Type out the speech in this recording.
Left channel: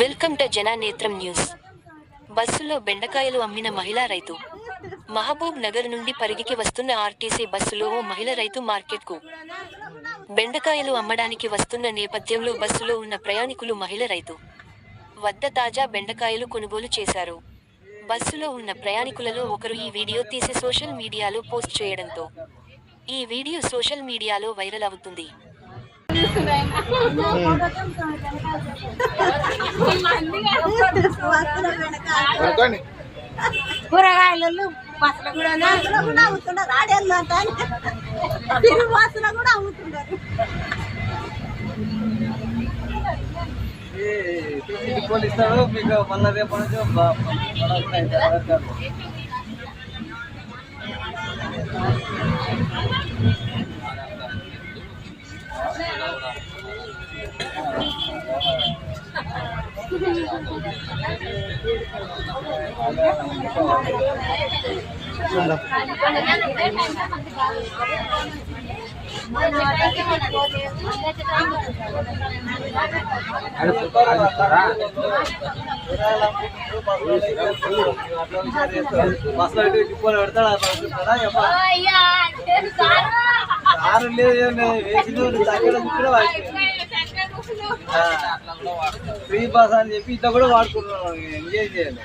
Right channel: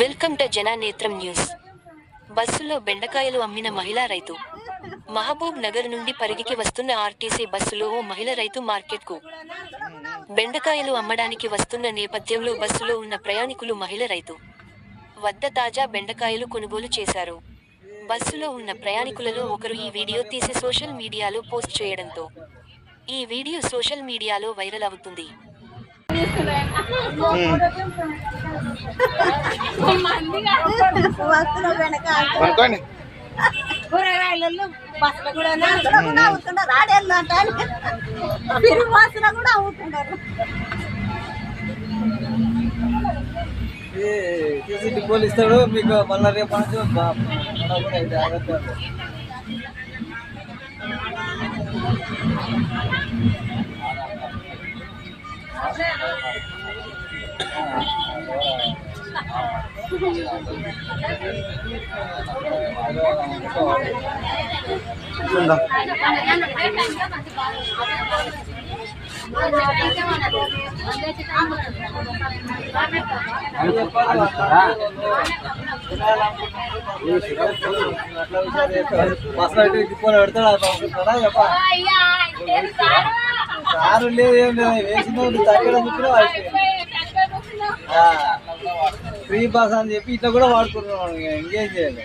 Welcome to జననేత్రం news. బస్సులో బెండకాయలు అమ్మిన మహిళా రైతు. మహబూబ్ నగర్ నుండి పరిగికి వస్తున్న ఆర్టీసీ బస్సులో ఓ మహిళ రైతు మార్కెట్కు బెండకాయలు అమ్మడానికి వస్తున్న నేపథ్యంలో బస్సులో ఉన్న ప్రయాణికులు మహిళ రైతు వద్ద తాజా బెండకాయలు కొనుగోలు చేశారు. బస్సులో ఉన్న ప్రయాణికులలో ఒకరు ఈ వీడియో తీసి సోషల్ మీడియాలో పోస్ట్ చేయడంతో ఈ వీడియో సోషల్ మీడియాలో వైరల్ అవుతుంది. కూరగాయలు బస్సులు కూడా అమ్ముతున్నారు, ఆడేళ్ళు అంటారు, బస్సులో కూడా అమ్ముతున్నారు. పోలీస్తాడు మీకు మళ్ళీ రేపు అయితే బస్సులో తిప్పుకొని పెడతాడు కారు లేదు ఫ్రీ బస్ అని చెప్పి ఇట్లా కూడా వాడుకుంటున్నాం. ఇంకేం చేయాలి.